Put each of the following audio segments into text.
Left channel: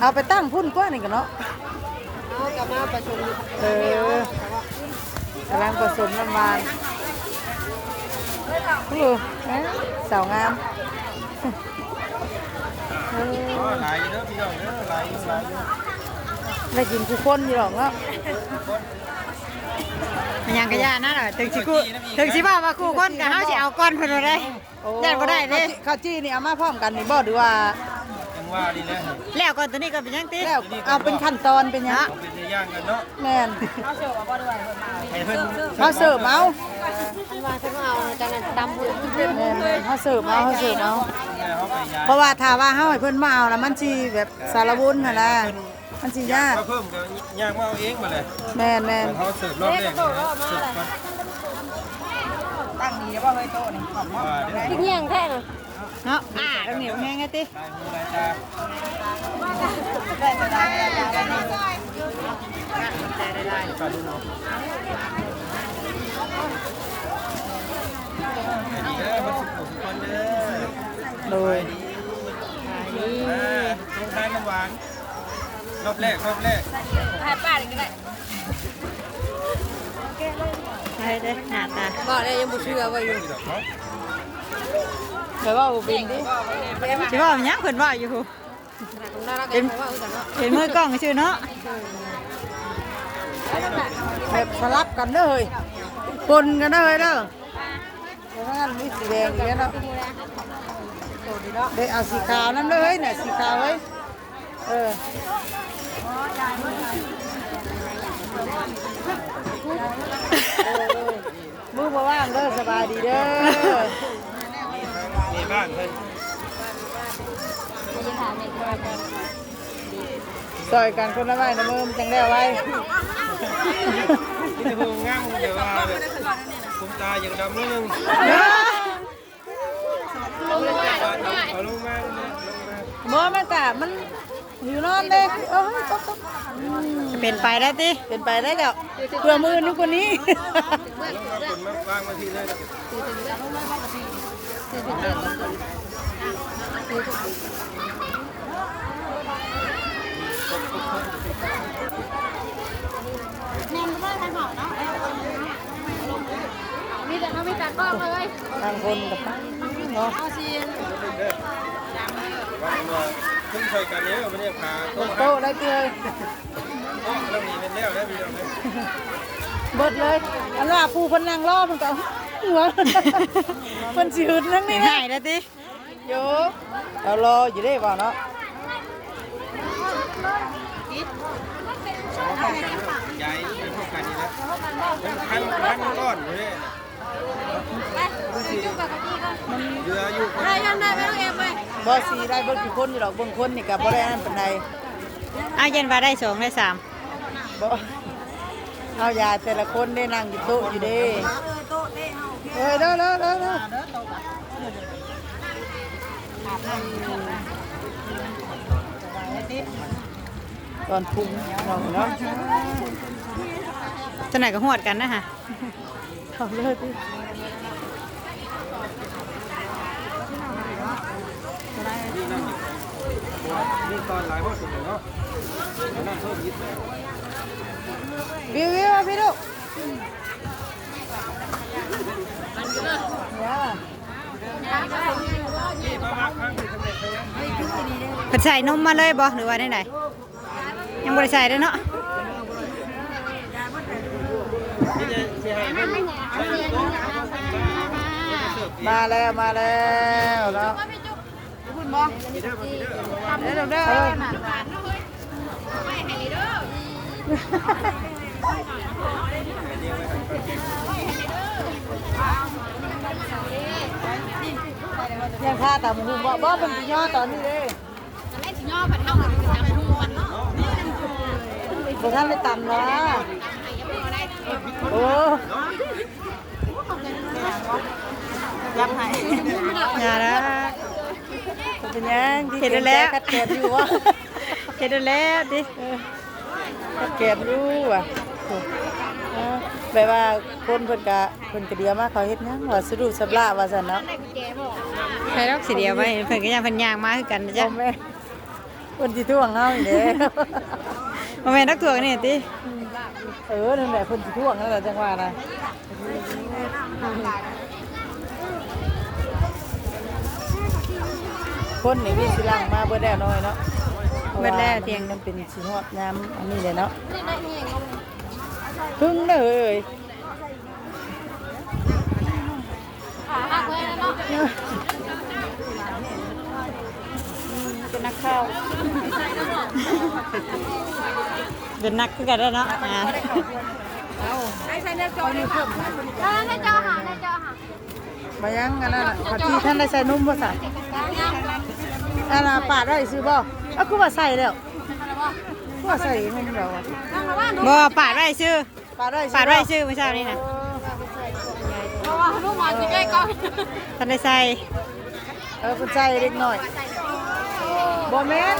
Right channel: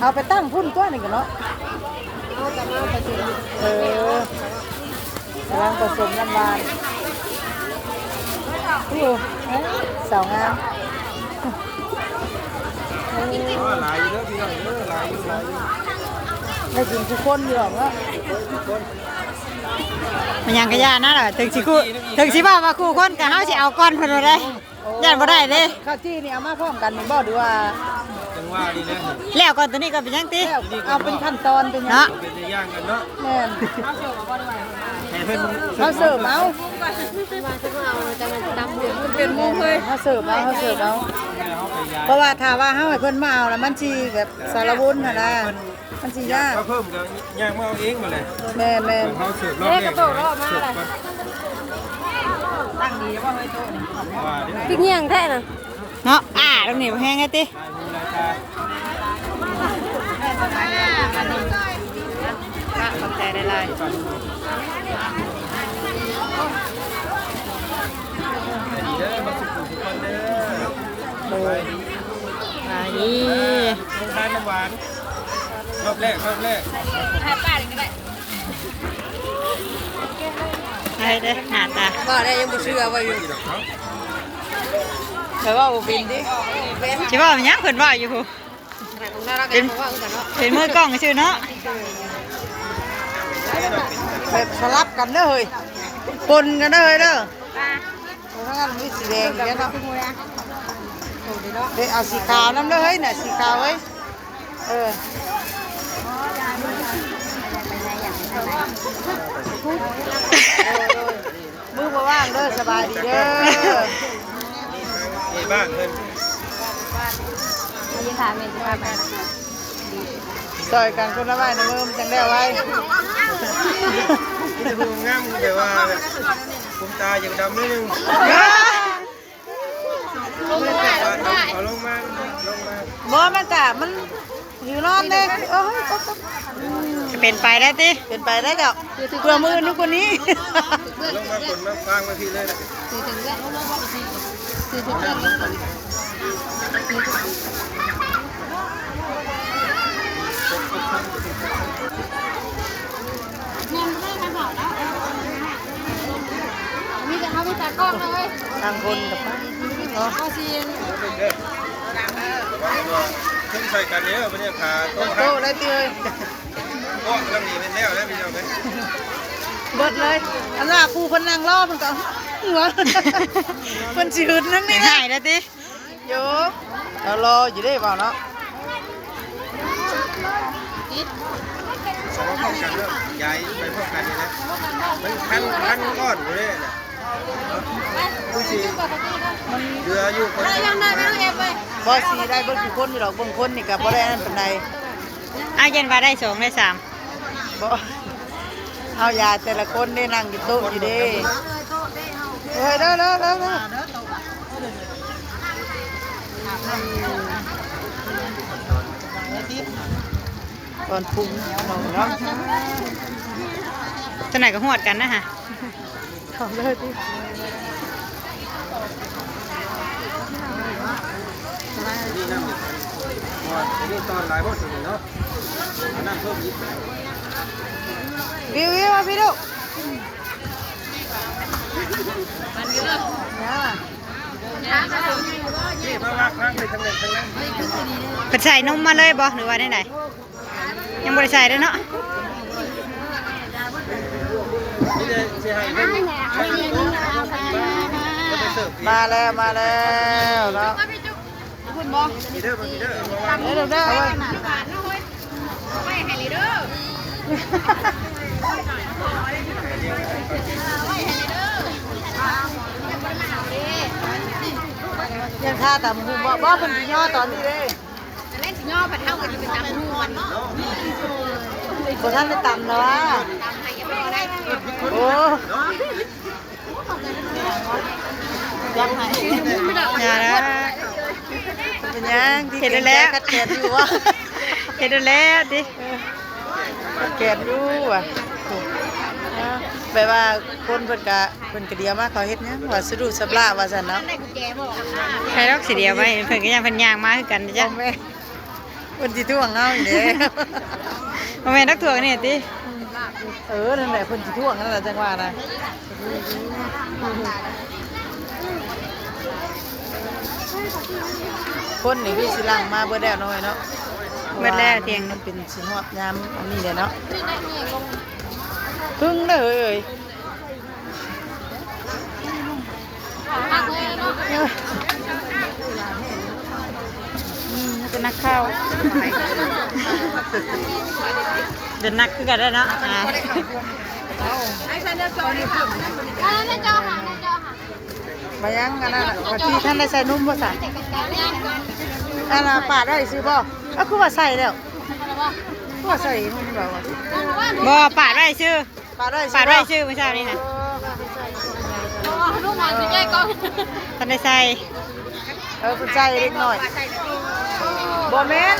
เอาไปตั้งพุ่นกว่านี่กันเนาะกำลังผสมน้ำลายอยู่สาวงามหลายเยอะพี่น้องเยอะหลายอยู่ได้กินทุกคนอยู่หรอกว่ามันยังกระยานะล่ะถึงสิคู่ถึงสิว่าว่าคู่คนกับเฮาสิเอาก้อนเพิ่นได้ย่านบ่ได้เด้ข้าวจี้นี่เอามาพร้อมกันนี่บ่ดูว่าจังว่านี่แล้วแล้วก่อนตัวนี้ก็เป็นยังติเอาเป็นขั้นตอนเป็นยังเนาะเป็นย่างกันเนาะแม่นเอาเสิร์ฟบ่ด้วยเพิ่นมาเขาเสิร์ฟเอาเป็นมุ้งเลยเขาเสิร์ฟเอาเพราะว่าถ้าว่าเฮาให้เพิ่นมาเอาแล้วมันสิแบบสารวุ้นน่ะนะมันสิยากเพิ่มก็ย่างมาเอาเองมาเลยแม่นเขาเสิร์ฟรอบเนี่ยเสิร์ฟกันตั้งดีจะว่าเฮ้ยโตนี่ขอบคุณกินยังแท้น่ะเนาะตรงนี้แห้งไงติได้ลายโดยนี่ลงทานน้ำหวานรอบแรกให้ป้าเลยก็ได้ให้เด้หน้าตาได้ยังบ่เชื่อว่าอยู่เดี๋ยวว่าบ่เป็นดิสิว่ามันยังเพิ่นว่าอยู่เป็นมือกล้องซื่อเนาะแบบสลับกันเด้อเฮ้ยปนกันเด้อเฮ้ยเด้อถ้างั้นมีสีแดงอย่างเงี้ยเนาะเดี๋ยวเอาสีขาวน้ำเด้อเฮ้ยน่ะสีขาวเฮ้ยลูกมาว่างเด้อสบายดีเด้อนี่บ้างเพิ่นซอยกันคนละไว้นะมือมันจังได้ไว้นี่จะพูดง่ายแต่ว่าผมตาอย่างดำนิดนึงเขาลงมาบ่มันกะมันอยู่นอนเด้จะเป็นไปได้ติเป็นไปได้เด้อเพื่อมือนึกคนนี้ลงมาคนนะวางมาทีเลยทางคนกับเนาะขึ้นใส่กันเนี้ยวันนี้ขาโตได้ตีเลยก็เรามีเป็นแล้วพี่น้องเบิดเลยอันน่ะครูคนนั่งรอมันก็หัวมันจืดนั่งนี่นะหายแล้วติโยเรารออยู่ได้เปล่าเนาะสองพร้อมกันด้วยใหญ่ไปพร้อมกันนี่แหละมันคันก้อนอยู่เนี่ยผู้ชีเรืออยู่คนบ่สีได้เบิ่งทุกคนอยู่หรอกเบิ่งคนนี่กับบ่ได้นั่นปานใดเย็นว่าได้2ได้3บ่เอายาแต่ละคนได้นั่งอยู่โต๊ะอยู่เด้เฮ้ยเด้อก่อนปรุงเนาะตัวไหนก็หวดกันนะฮะทำเลยดินี่ตอนหลายบ่ถึงเนาะน้ำเพิ่มยิบวิวมาพี่ลูกเพิ่นใส่นมมาเลยบ่หรือว่าได้ไหนยังบ่ได้ใส่เด้อเนาะมาแล้วแล้วคุณบอมีเด้อยังท่าแต่มึงบ่เป็นย่อตอนนี้เลยเล่นย่อแบบเท่ากับจังหูมันเนาะคนท่านได้ต่ำนะโอ้รับให้อย่าละเป็นยังเห็นแล้วกัดแขนอยู่วะเห็นแล้วดิแขนอยู่ว่ะ ไปว่าคนเพิ่นก็เดียวมาเขาเฮ็ดหยังว่าสะดุสะบลาว่าซั่นเนาะ ใครรอกสิเดียวไว้เพิ่นก็ยังเพิ่นย่างมาคือกันนะจ๊ะ แม่เพิ่นสิท่วงเฮาอีเด้ บ่แม่นนักถ่วงนี่ติ นั่นแหละเพิ่นสิท่วงนั่นแหละจังว่านะคนนี่คือสิลังมาเบิดแล้วน้อยเนาะ เบิดแล้วเตียง มันเป็นสิฮอดยามอันนี้เลยเนาะพึ่งเด้อเอ้ย หักเลยเนาะ เป็นนักข้าว เป็นนักคือกันได้เนาะในจอหามายังกันน่ะว่าที่ท่านได้ใส่นุ่มบ่ใส่อันน่ะปาดได้ซื้อบ่เอาคือว่าใส่แล้วว่าใส่นุ่มแล้ว บ่ปาดไว้ชื่อ ปาดได้ ปาดไว้ชื่อเมื่อเช้านี่น่ะ เพราะว่าลูกมันจะใกล้ก็ ท่านได้ใส่ คุณใส่เล็กน้อยบ่แม่น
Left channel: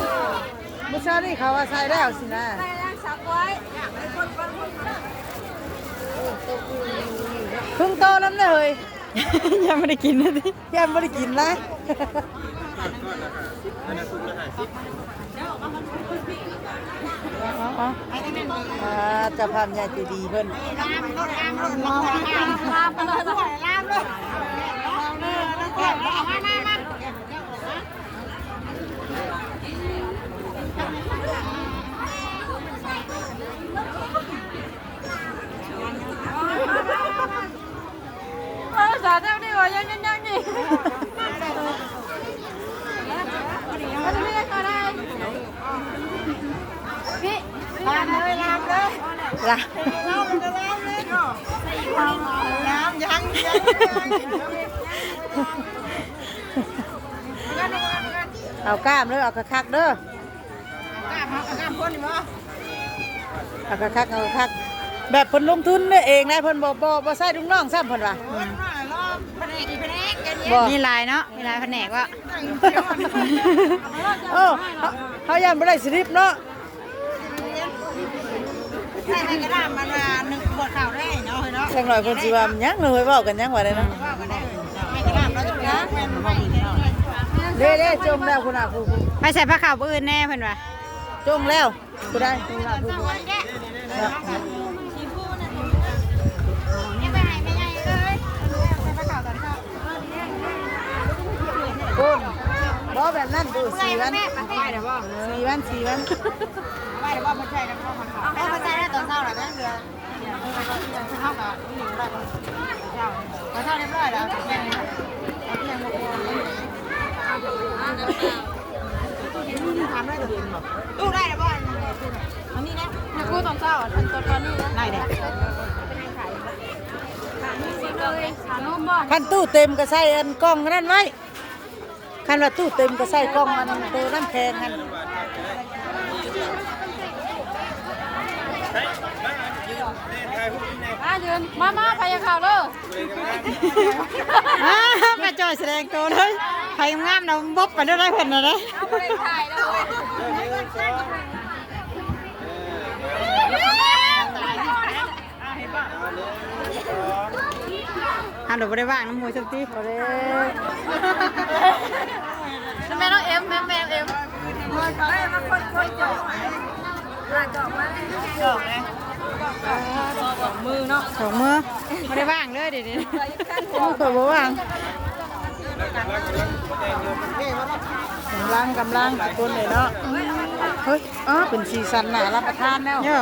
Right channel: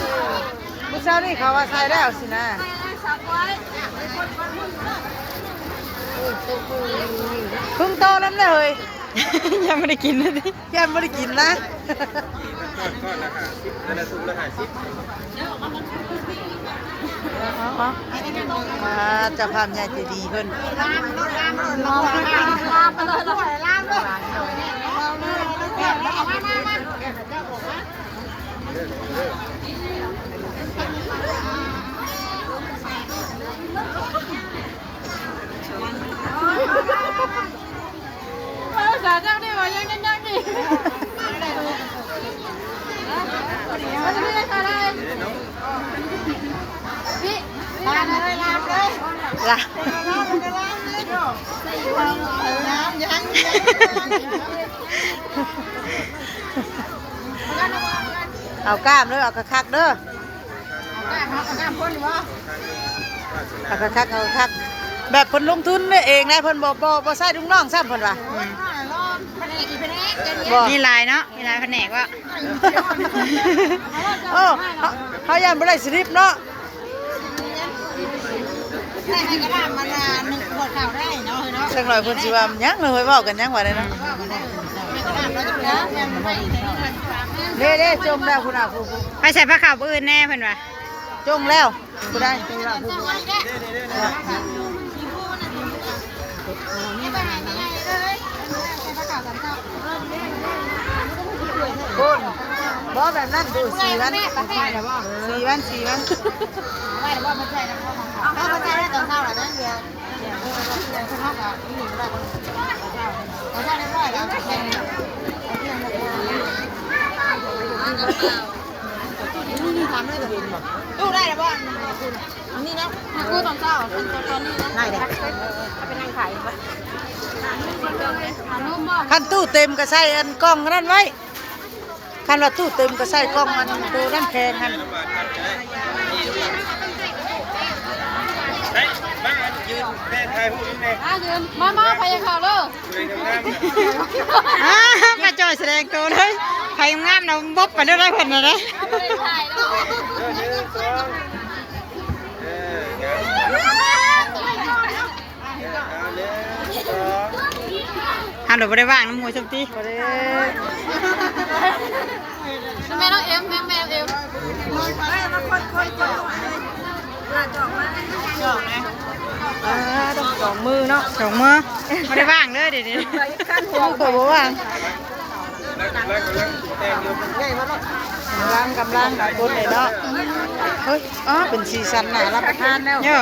มื้อเช้านี่เขาว่าใส่แล้วสินะ สักไว้ เพิ่งโตน้ำเลย ยังไม่ได้กินเลยดิ แก้มไม่ได้กินนะจะพามยายใจดีเพิ่น ลองไปเลยล่ามเลยสาวเจ้านี่ว่ายังดิพี่ลามเลยล่ะน้ำยังเอากล้ามเด้อเอากระคักเด้อเอากระคักเอากระคักแบบเพิ่นลงทุนเองนะเพิ่นบ่ใส่ลุงน้องซ้ำเพิ่นว่ามีลายเนาะมีลายแผนกว่า เขายังไม่ได้สลิปเนาะ ใส่กระดาษมันหนึ่งขวดข่าวได้เนาะเนาะ สักหน่อยคนสิว่ายังเลยเว้ากันยังว่าได้เนาะ กระดาษเราจะเนาะ เด้จมแล้วคุณอาครู ไปใส่ผ้าขาวอื่นแน่เพิ่นว่า จมแล้วกูได้ นี่ไปไหนไม่ใหญ่เลยใส่กระดาษกันเนาะ คุณบ่แบบนั้นดู4 วันแม่ไปให้เดี๋ยวบอก 4 วัน4 วัน ไม่เดี๋ยวบอกมันใส่แล้วพ่อของเขาเขาใส่ได้ตอนเช้าแหละนะเดี๋ยวเราเพื่อนเท่ากับหนูได้ตอนเช้าตอนเช้าเรียบร้อยแล้วแค่นี้แหละเราเพื่อนบอกว่าทำได้จะเห็นหมดตู้ได้แล้วบ่นี่นะกูตอนเช้าตอนนี้นะได้เด็กไปนั่งขายปะนุ่มบ่ คันตู้เต็มก็ใส่อันกล้องนั่นไว้คันว่าตู้เต็มก็ใส่กล้องอันตัวน้ำแข็งหั่น ยืนมาพยาข่าวเลย มาจอยแสดงตัวเลยใครงามนะบ๊อบไปด้วยได้เพิ่นน่ะนะ เอาไปถ่ายแล้วเลย หันดอกบ่ได้ว่างน้ำมวยซัมติ แม่น้องเอ็มแม่เอ็ม 2 มือเนาะ สองมือบ่ได้ว่างเลยเดี๋ยวนี้ เคยบ่ว่างกำลังคนเลยเนาะเฮ้ยเป็นสีสันน่ารับประทานแล้ว โย่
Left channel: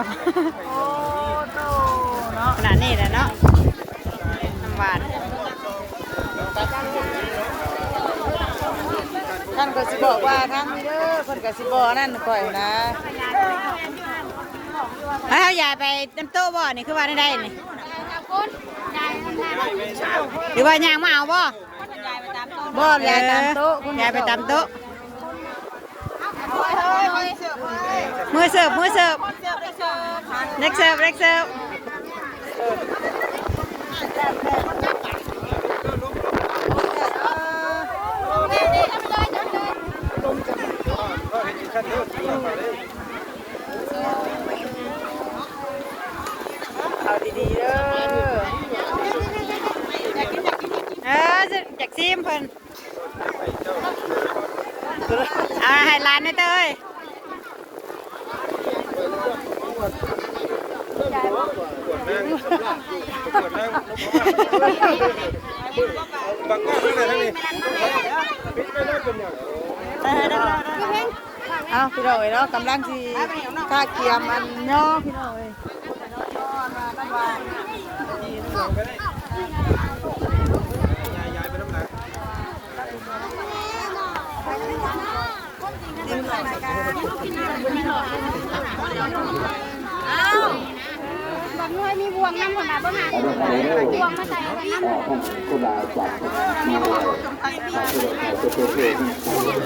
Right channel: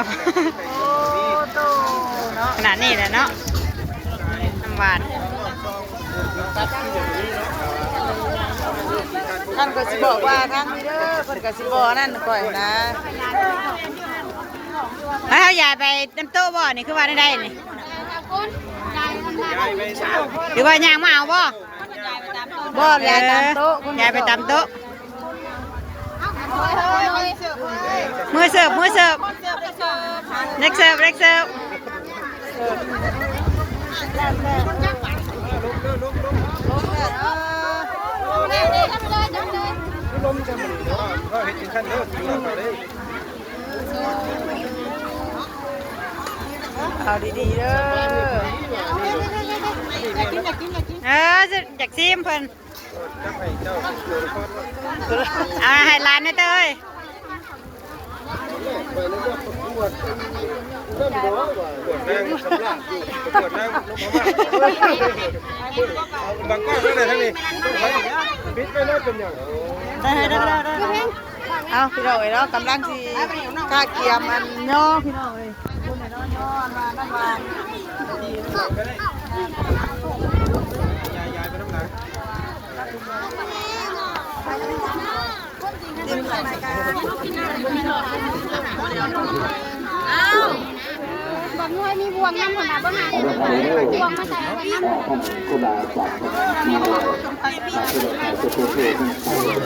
ขนาดนี้แหละเนาะน้ำหวาน ท่านก็สิบอกว่าทางนี้เด้อเพิ่นก็สิบ่นั่นก่อยนะ แล้วเขายายไปน้ำโต๊ะบ่นี่คือว่าได้นี่หรือว่ายางมาเอาบ่ บ่ยายตามโต๊ะ ยายไปตามโต๊ะมือเสิร์ฟเล็กเสิร์ฟเอาดีๆเด้อ ซิมเพิ่นให้ร้านนี่เต้ย บังคับทั้งนั้นทั้งนี้ปิดไปแล้วจนอย่าง ได้เอาพี่น้องเอ้ยเนาะกำลังสิกาเกียมอันย่อพี่น้องเอ้ย บอกน้อยมีบวงน้ำผลมาบ้างไงบวงมาใส่น้ำผล คุณอาจารย์มาผู้รักษาจะเป็นผู้ที่ใช้เงิน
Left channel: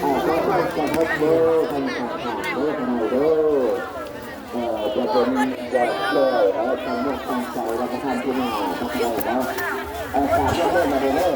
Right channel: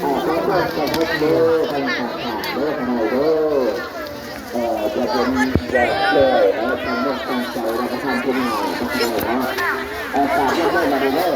ขอโทษขอโทษเด้อให้ขาดเด้อทนายเด้อจะเป็นแบบเลยทางนอกทางใจเราก็ทำขึ้นมาทำได้เนาะฝากเรื่องมาเด้อ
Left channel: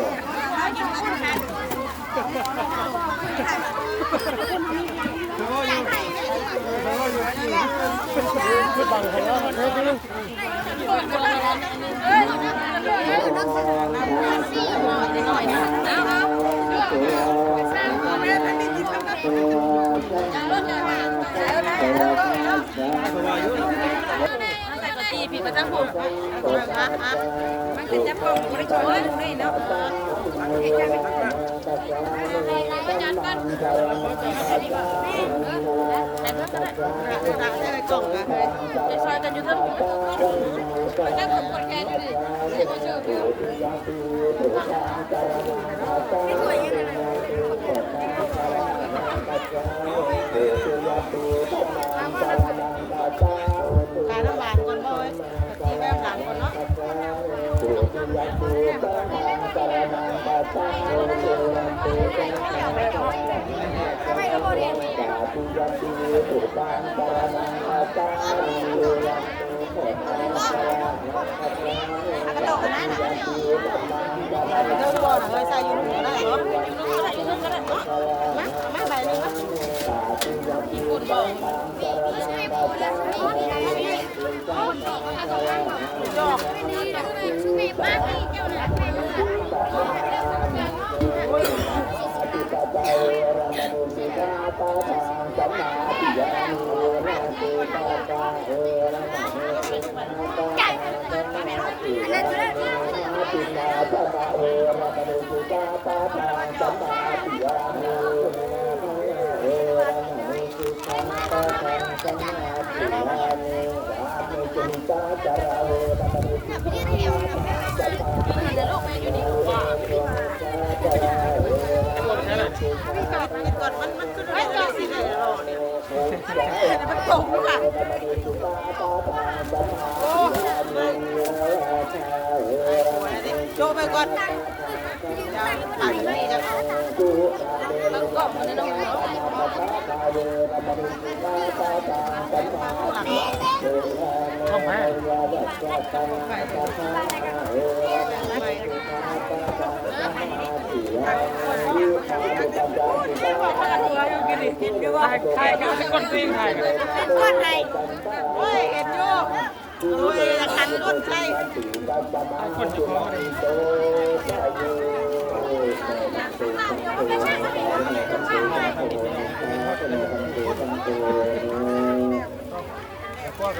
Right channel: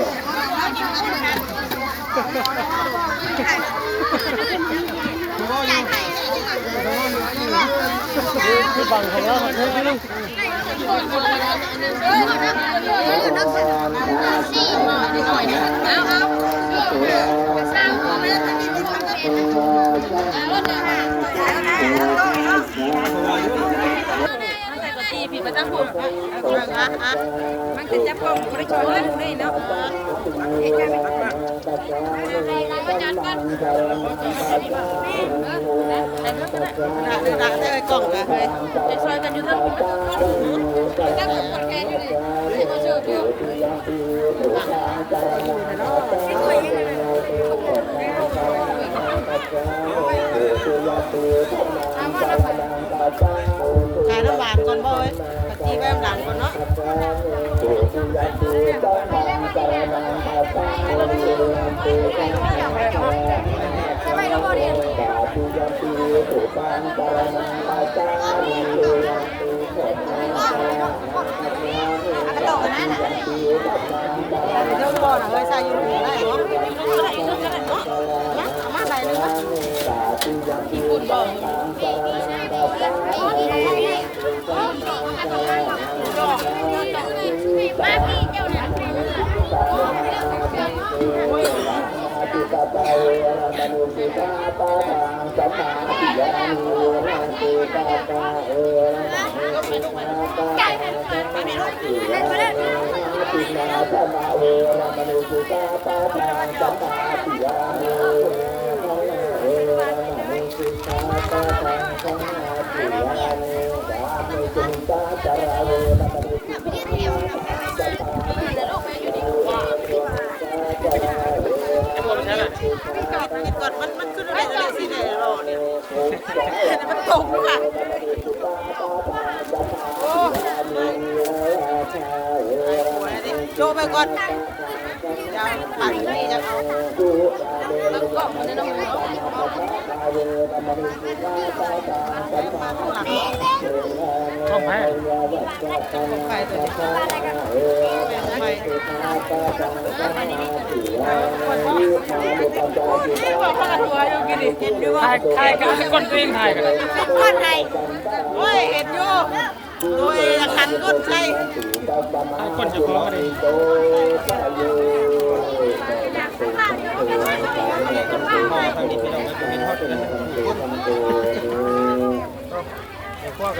ผีประจักษ์ผมมันคือจะพองไม่ช่วยเลยเนาะประจันกันจะซอยกันอยู่ทั้งประจักษ์กับคนแค่นี้เลยมาเจอพี่ขายน้ำหวานก่อนบ่อยกะทิแววหลังก่อนเนาะ ก่อนมันขึ้นอะไรกันสิเนี่ยมันตกค่ะโชว์ไปก่อนปั่นนี่จะเอาแล้วก็มันได้น้องเนาะช่องแม่ ใครก็เป็นคนปิ้งให้กัน ก้อนไทยเฮ้ยเห็นอยู่โอ้ยละคันก้อนไทย คนจะร้องอะไร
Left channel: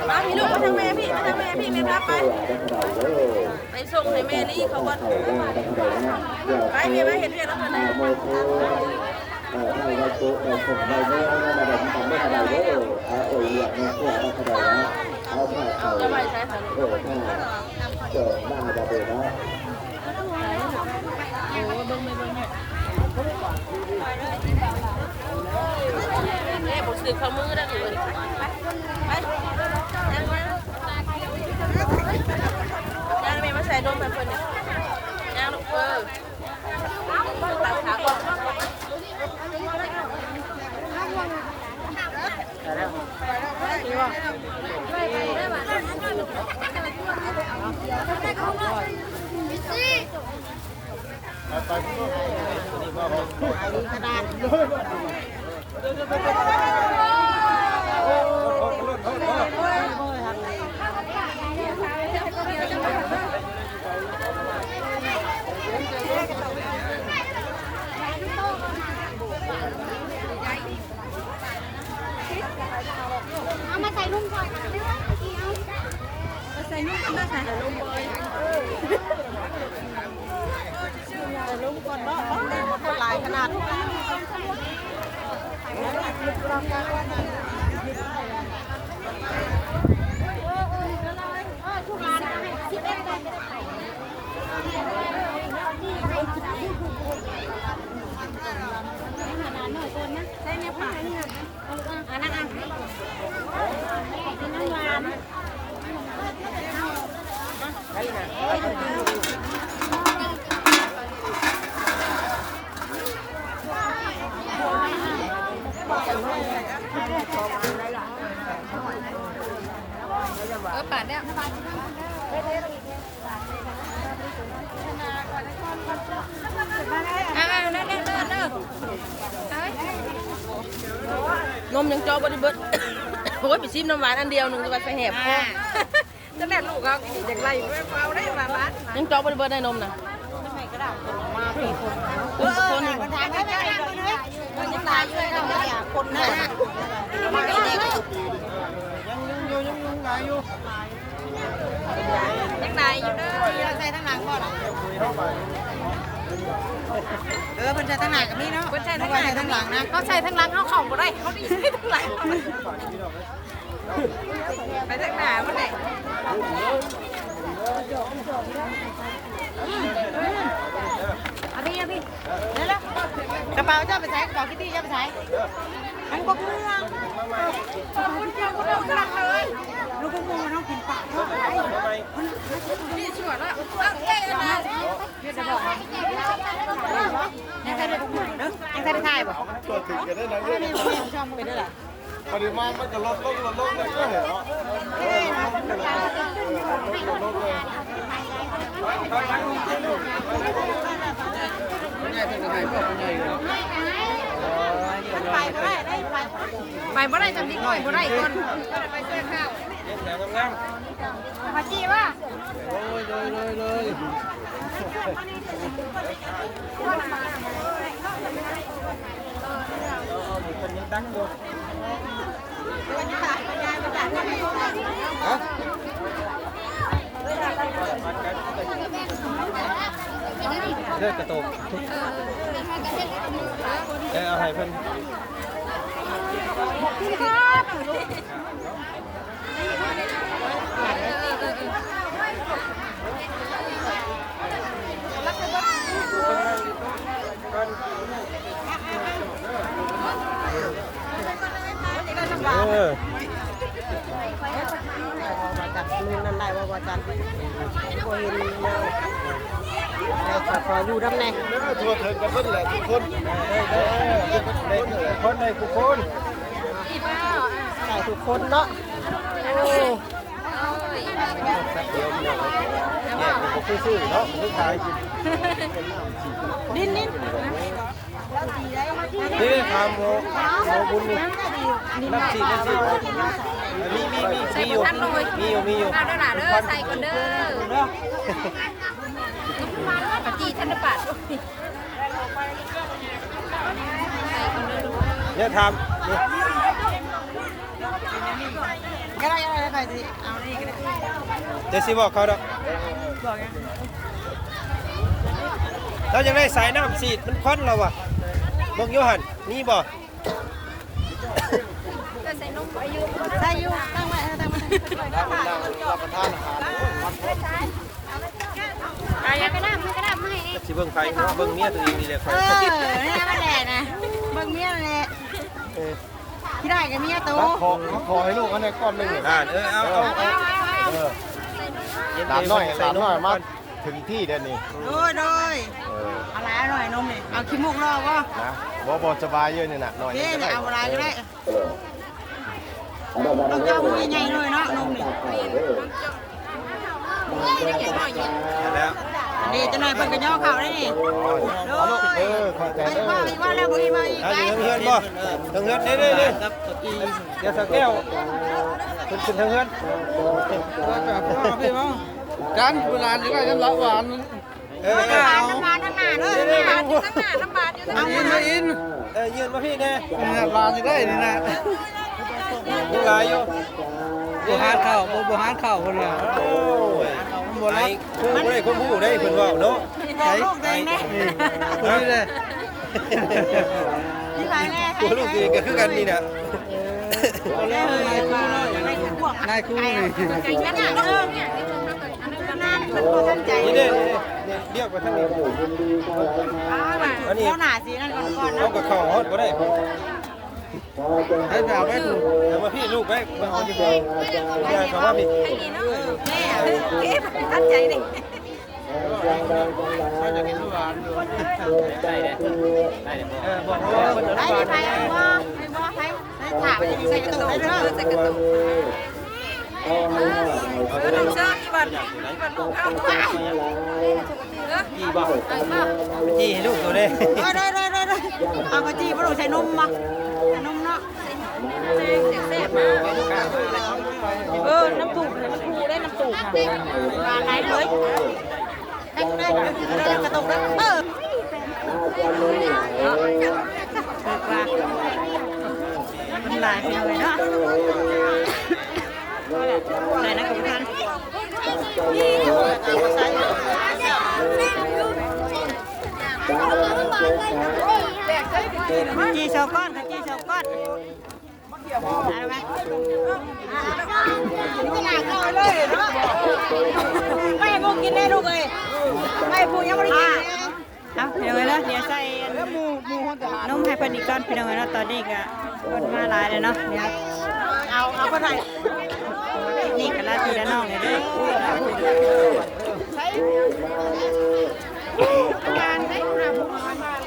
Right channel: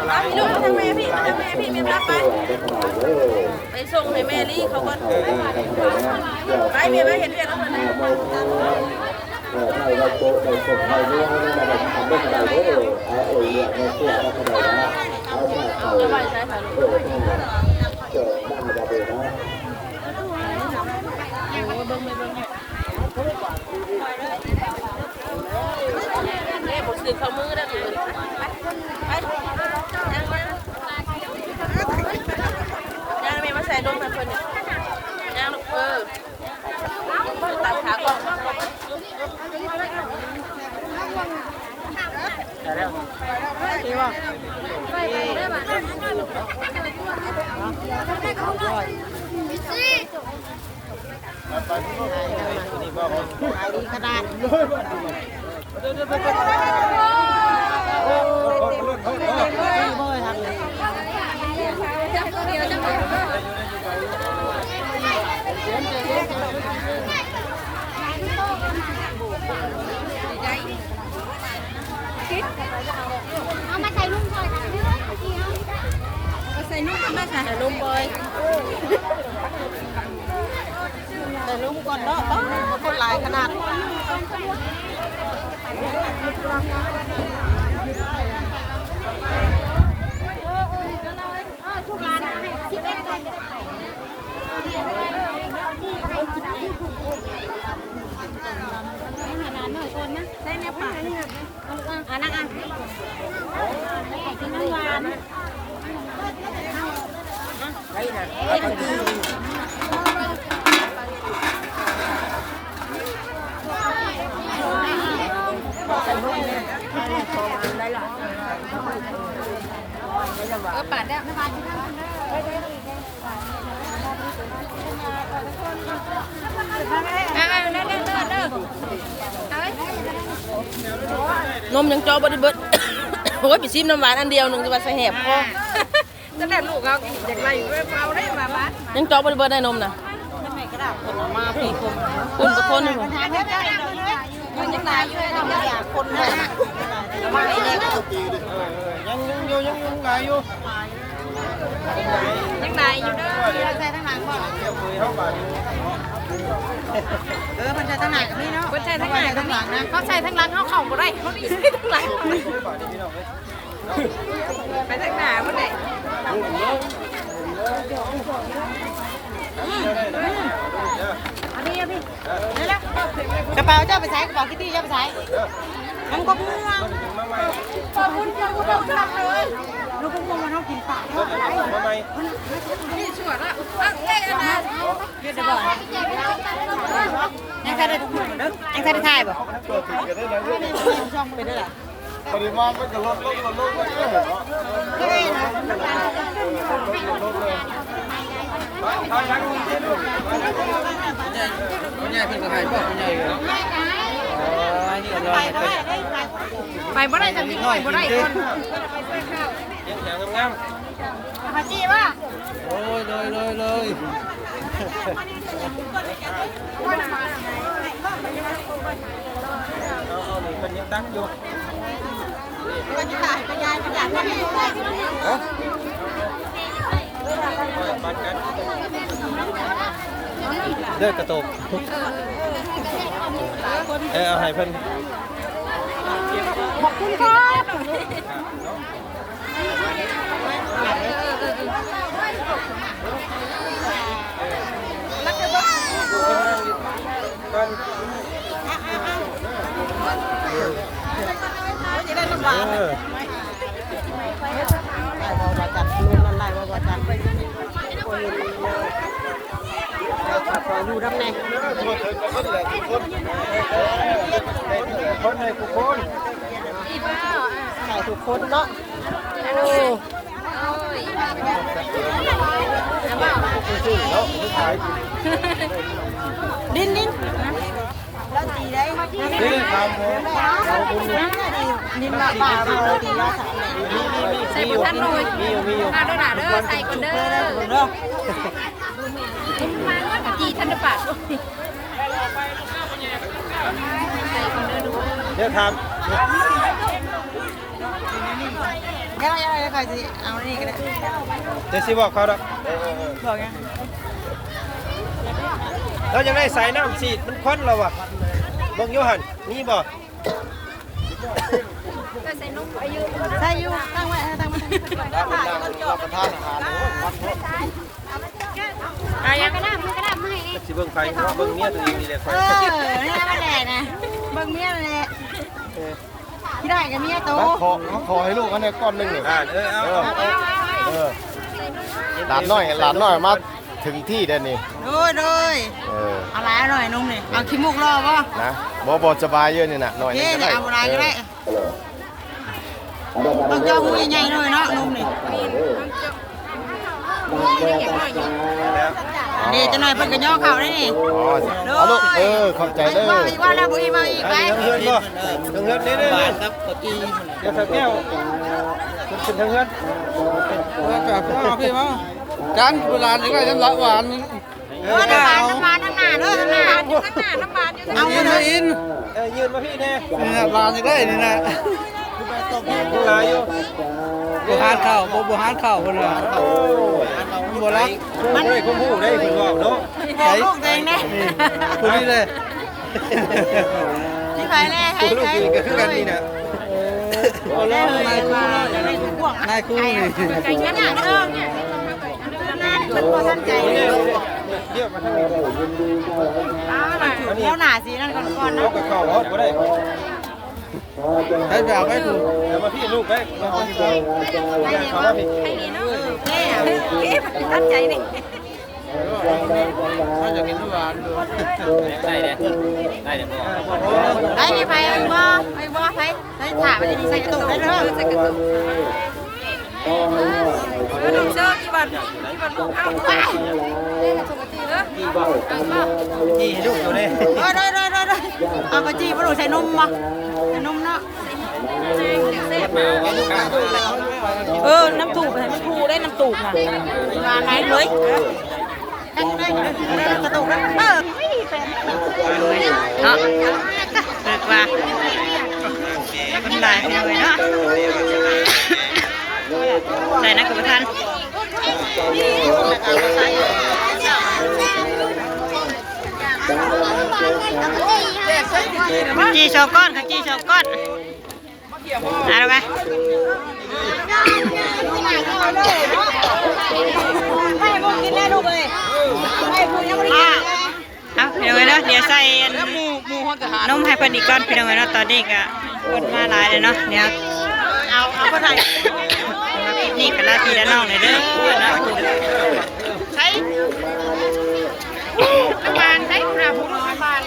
มาพี่ลูกมาทางแม่พี่ไม่รับไปส่งให้แม่ลี่เขาก่อนไปเมียไม่เห็นเรียกแล้วคนไหน ไทยเราโตเราส่งไทยไม่ให้มาแบบทำได้ขนาดนี้เนี่ยเสื้อเราขนาดนะเอาผ้าเขาจะไปใช้ค่ะลูกบ้าจะเป็นนะผมซื้อข้าวมือได้ถูกเงินย่างแม่มาใส่นมเพิ่นนี่ย่างลูก เอามาใส่นุ่มก่อนเอาใส่นุ่มมาใส่นุ่มบอยใส่นุ่มก่อนเนาะคนหลายขนาดใส่เนี่ยป่ะอันนั้นปาดได้ไม่ปาดที่นั่นนมยังจอบริเบิดโอ้ยไปซิมน้ำหวานอันเดียวหนึ่งจะมาใส่แหบคอตั้งแต่ลูกเขาอย่างไรเอาได้มาบ้านยังจอบริเบิดได้นมนะมาพี่คนกับคนหนึ่งยังใจเรายังตายอยู่แล้วเราอยากคนแบบยังตายอยู่เด้อใส่ทั้งหลังก่อนมันใส่ทั้งหลังกับนี่เนาะมันใส่ทั้งหลังทั้งหลังนะเขาใส่ทั้งหลังเขาเข่าบ่ได้เขาดีทั้งหลังไปทั้งหน้ามันเลยเอาพี่นี่แหละกระเป๋าเจ้าไปใส่กระเป๋าคิตตี้เจ้าไปใส่มันก็ม่วงขอบคุณเจ้าก็ต้องรักเลยลูกก็ม่วงมันเอากินปากเพราะอะไรนี่สวยแล้วยังใครได้ทุกคนเด้อยังใครได้ถ่ายบ่ช่องไปด้วยล่ะปริมาณก็จะลดไปบ่ได้จำยิ่งหน่อยบ่ได้ก่อนไปเสื้อข้าวขาจีป่ะเลยเป็นยังตั้งอยู่เลือกกระตุกเอาให้เพิ่นขอบคุณครับมาจับนู่นนั่นไรว่าจับโอ้ยขออยู่ด้านในคนในทุกคนใส่ทุกคนเนาะโอ้ดินนี่ทำใส่บนท่านหน่อยมาด้วยหนาเด้อใส่ก่อนเด้อทุกท่านว่าจีท่านจะปาดเดี๋ยวทำได้ใครจีเอานี่ก็ได้เดี๋ยวสิบอกเขาดอกบอกยังเราจะได้สายน้ำฉีดมันค้นเราวะบงโยหันนี่บอกใส่อยู่ตั้งไว้ตั้งมากระดาษมือกระดาษมือไงสิเบิ่งไฟเบิ่งเมียตัวเองนี่แหละนี่มาแดดนะเบิ่งเมียเลยที่ได้กับเมียโตขอให้ลูกอันนี้ก้อนหนึ่งได้หลานน้อยมาถึงที่เด่นนี่ด้วยอะไรหน่อยนมนี่เอาขี้มูกรอป่ะนะบ่สบายเยอะนี่นะหน่อยนี่เอาอะไรก็ได้ต้องเจ้ามือใหญ่ๆหน่อยเนาะนมนี่ดีจะหน่อยเพิ่งกันย่อเข่าได้นี่ลูกขอบใจเด้ออีกว่าเราบุยมาอีกไปเพื่อนบ่ทางเพื่อนนี่เดี๋ยวแก้วขึ้นทางเพื่อนกันเวลานี้ก็ยังละหวาน ก็เอา น้ำบานอยู่ข้างหน้าน้ำบานอยู่ข้างหน้า เอายืนมาอิน ยืนมาพี่แน่ นี่นะบานอยู่ได้นี่นะ ผู้ลายอยู่ บ่หานเข้าบ่หานเข้าเพิ่นว่าบ่รัก ผู้ได้คนผู้ได้คนว่าเนาะ ใส่แดงแน่คนนี้เลย นี่ไปเลย ผู้ลูกดีก็คือกันนี่นะ นายครูนี่ ใจเย็นๆเด้อเนี่ย นี่เนี่ยเดี๋ยวมาทางนี้ เดี๋ยวหน้าสินั่นก่อนๆ เอา นะ กับข้าวฮอดบ่ได้ ให้ดาวไว้ดู เอามาพี่ลูกได้มาพี่บ่อย่าเข้ามาพี่ ตั้งใจดิ เขาจะกินทุกวันดู ไปไปมาไปถามไปใส่กระตุกได้เนาะใส่กระตุกลงเชิญกี่วันลูกเข้าไป จี้ให้ลูกอยู่เลย ได้เอากะจีบ่ต้องใส่นมบ่ใส่นมเนาะ น้ำถูกนะครูได้น้ำถูกนะมาไหนเลย กระตุกแล้วเเออนาะ เลิกว่ามันหลายไปหน่อยเนาะใส่นักกับท่านจีชอบก้อนค่ะจีชอบก้อนอะไรไหมไม่พูดกินได้ลูกเลยไม่พูดยังไม่ได้กินเอาพี่น้องเนาะเดี๋ยวใส่นมให้เพิ่นอีกก้อนพี่น้องเนาะตอนนี้ก็คนมาหลายเลยเนาะเดี๋ยวมาปิดนี่กันละพี่ละน้องเลยเด้อนะใช้น้ำบานใช้ปลาผู้น้ำบาน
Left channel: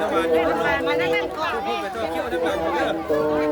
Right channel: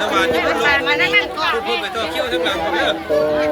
น้ำมันจะ น้ำบานมานั่งก่อน พูดไปตัวเขี้ยวทั้งหลังเลย